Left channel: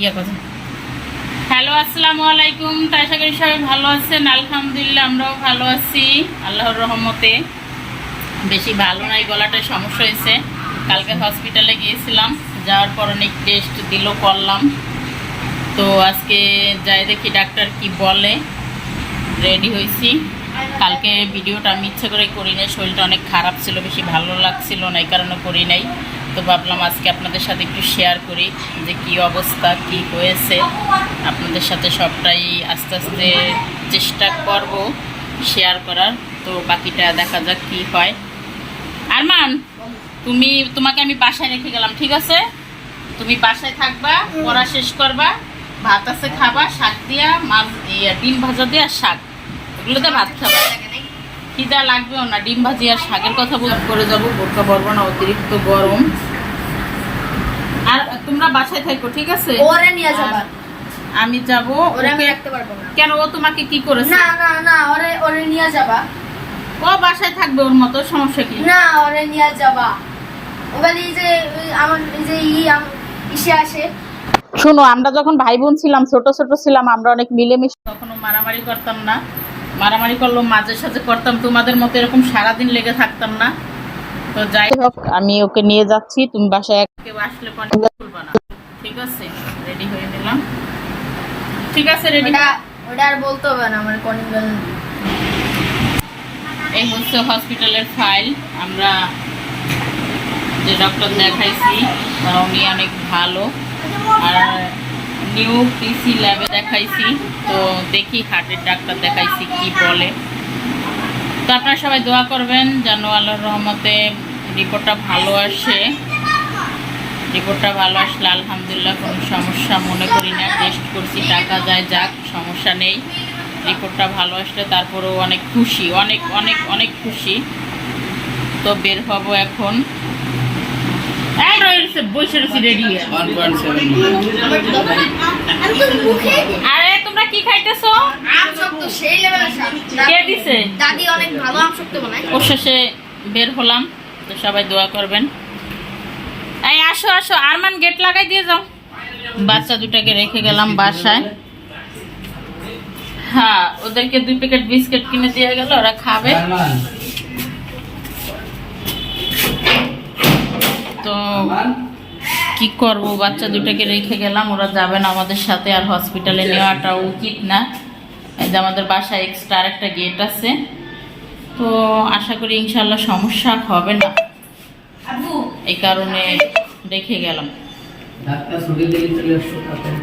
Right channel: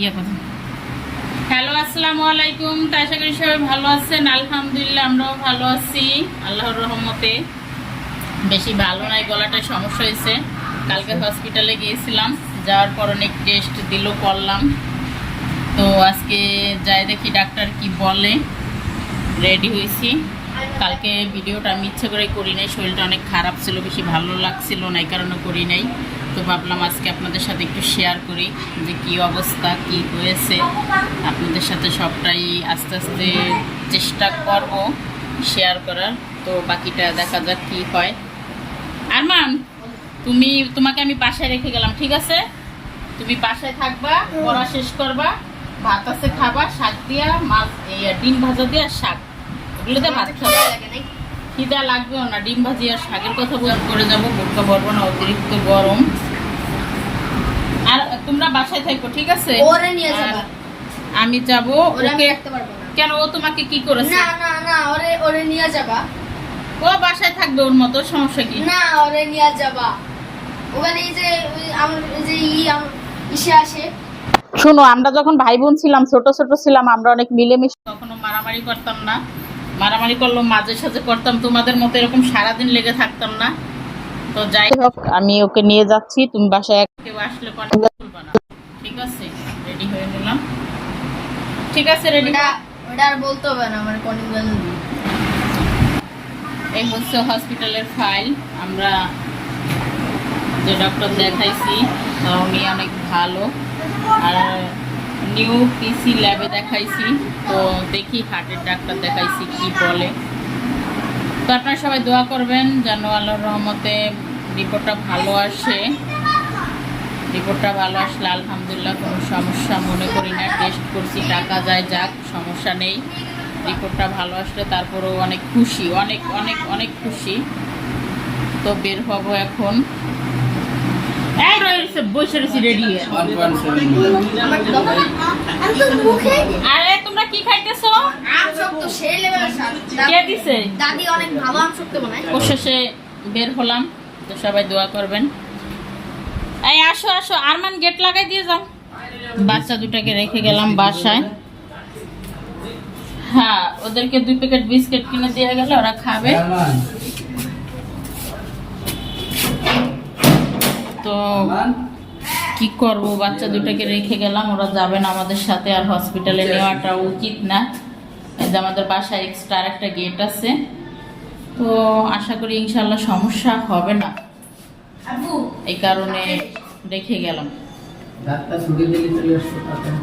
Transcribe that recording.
ইয়ে হ্যালো, আসসালামু আলাইকুম। তো আশা করি সবাই ভালো আছেন। আলহামদুলিল্লাহ, আমরাও ভালো আছি। আল্লাহর রহমতে বেশি ভালো নাই, গলাটা সমস্যা হয়েছে। কালকে হসপিটালে গিয়েছিলাম। যাওয়ার পর অনেক টেস্ট দিল, করলাম। তো আজকে যাই দেখি ডাক্তার কি বলে। রেডি হয়েছি। কালকে ভিডিওটা আমি ইচ্ছে করে করি নাই। শরীরটা অনেক খারাপ ছিল, বেশি ভালো লাগছিল না, এই কারণে করি নাই। তো ভাবলাম আজকে আপনাদের সাথে একটু শেয়ার করি যে কি অবস্থা, কি হয়েছে। আপনাদের সাথে সবটাই আস্তে আস্তে চেষ্টা করব শেয়ার করার। তো বাকিটা দেখা যাক কি হয়। আরমান, তুমি, তোমাকে আমি বাসায় রেখে গেলাম, ঠিক আছে? তুমি বাসায় থাকবা, পড়া শেষ করবা, ভাত আছে খাবা, শাক দিয়া, মাছ ডিম ভাজা দিয়া শাক। ওগুলোতে ভাত খাবা। খিদা লাগবেও না ডিম ভাজি আর শাকের কথা বলে করে যাব বোরকা পরবো না অতিরিক্ত গরম। আর তোমরা বাসায় থাকো ঠিক আছে? ওরে নিয়ে যাবা। আমি যাব ওরে আমি ওকে? রাখতে পারব না। কেন ও তোমাকে কি করেছে? না না না ওরে ওরে নিয়ে যাবা। ও বাসায় থাকবে ওর মতো সমস্যা কি? না ওরে নিয়ে যাবা। ওখানে এই যে আমার যে ই ইসে আসে। শোনো আমরা যখন ভাই বোন ছিলাম ছোট ছোট ছিলাম আমরা অনেক মিলেমিশে কখনো মারামারি করতাম না। মারামারি করলেও মাঝে সাঝে করতাম। তোমাদের মতো এরকম সারাদিন লেগে থাকতাম না। তো যাই হোক আমি ওকে নিয়ে যাচ্ছি। তুমি বাসায় কেউ আসলে খুলবা না। ঠিক আছে? রেডি হয়ে নিলাম। ঠিক আছে রেডি ওটা আর বলতে হবে না আমার কনিবেল এই হচ্ছে হসপিটালের ফাইল আমরা যে ডক্টর দেখাইছি উনি অনেক ভালো। আর নিউ পিসি ল্যাবে দেখাইছি। তো দেখি হার্টের ডাক্তার দেখাইছি কি বলে। তো আপনারা সবাই দোয়া করবেন যেন আল্লাহর রহমতে রিপোর্টটা ভালো আসে। রিপোর্টটা ভালো আসলে আলহামদুলিল্লাহ কোনো সমস্যা মনে করি না। টেস্ট করছি, টাকা যায় যাক, সমস্যা নেই। রিপোর্টটা ভালো আসলে তারপরেও অনেক খুশি, অনেক অনেক অনেক খুশি। তো বের হব এখন। এই রয়েছে বসে রয়েছি রেডি আরে, তোমরা কি খাইতেছো? আম শক্ত সেই লেভেলের স্বাদ কে দিছে? দাদি অনেক ভালো আম শক্ত বানায় অবশেষে বের হলাম, তো সবাই দোয়া করবেন। এই, আসো আসো, আরমান গেট লাগাই দিয়ে যাও। বাচ্চা দুটাকে রেখে গেলাম বাসায়। হ্যাঁ ওদেরকে দুই প্যাকেট বিস্কিট কিনে দিয়ে গেল, ওরা খাবে। তো কি করব? বাচ্চা দুটাকে রেখে গেলাম ওরা যাবে না আমাদের সাথে আর হসপিটালে নেওয়াটা উচিত না। এই যে আমাদের বাসায় এক্সট্রা একটা গেট আছে। তো আশা করি ইনশাল্লাহ সমস্যা হবে না। এই কারণে রেখে গেলাম। ডাক্তার